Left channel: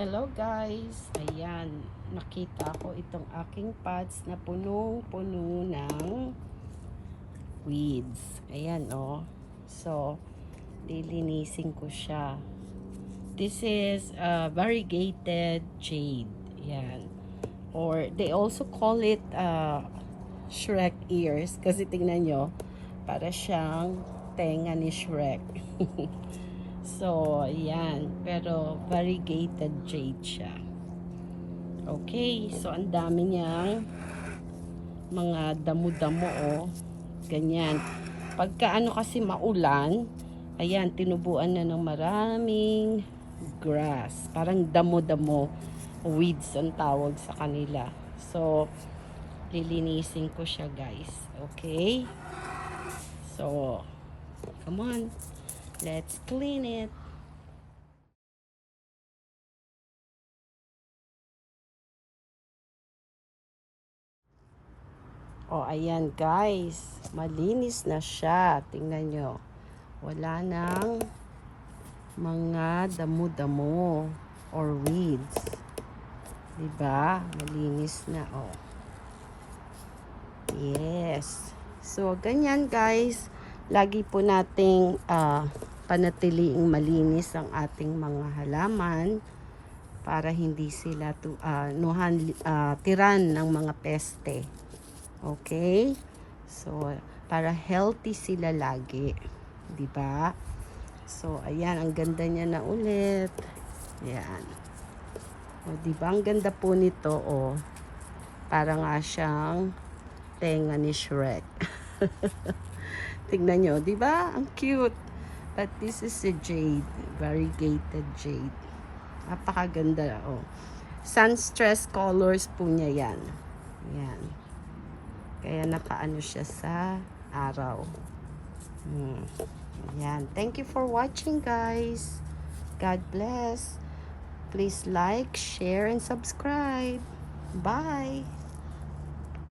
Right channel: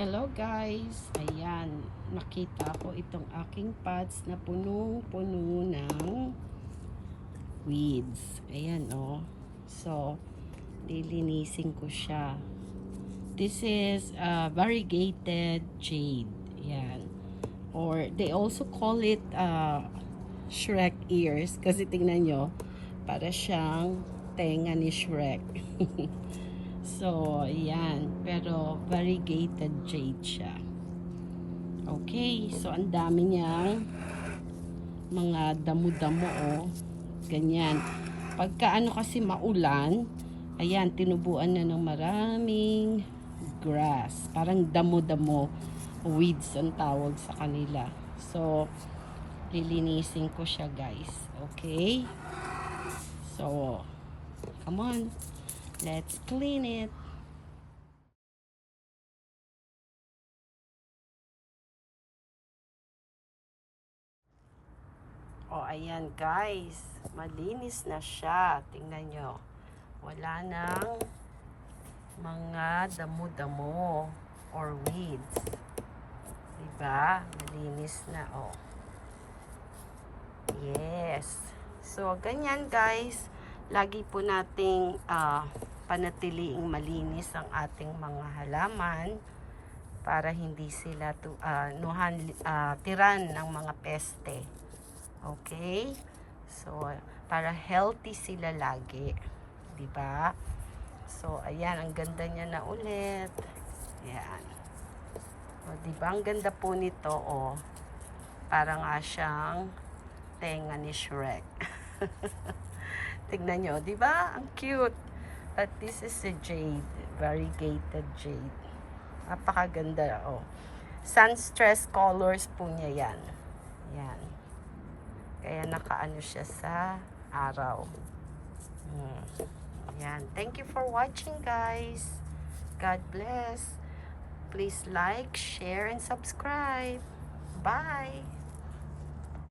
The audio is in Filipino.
Hello guys, ayan, nakita ko itong aking pots na punong-puno ng weeds. Ayan so lilinisin ko siya. This is variegated jade. Ayan, or they also call it Shrek ears, kasi tingnan nyo, para siyang tenga ni Shrek. So, ayan. Pero, variegated jade siya. Okay. So, ang dami niyang mga damo-damo, ganyan. Pagka ano kasi maulan, ayan, tinubuan na ng maraming grass. Parang damo-damo. Weeds ang tawag sa kanila. So, lilinisin ko siya, guys. Okay? So, come on. Let's clean it. Ayan guys. Malinis na siya. Tingnan nyo. Wala nang mga damo-damo or weeds. Diba? Malinis na. Yes. So, ganyan guys. Lagi po nating panatiliing malinis ang ating mga halaman para hindi sila tiran ng mga peste. Okay? So, para healthy sila lagi. Diba? So, ayan. Ang ganda niya na ulit. Ayan. Diba? Ang ganda po nito, para nga siyang tenga ni Shrek. Tignan nyo, di ba? Ang cute. But this is a jade, variegated jade. Napakaganda, Sun stress colors po niya yan. Yan. Kaya nakaano siya sa araw. Yan. Thank you for watching, guys. God bless. Please like, share, and subscribe. Bye.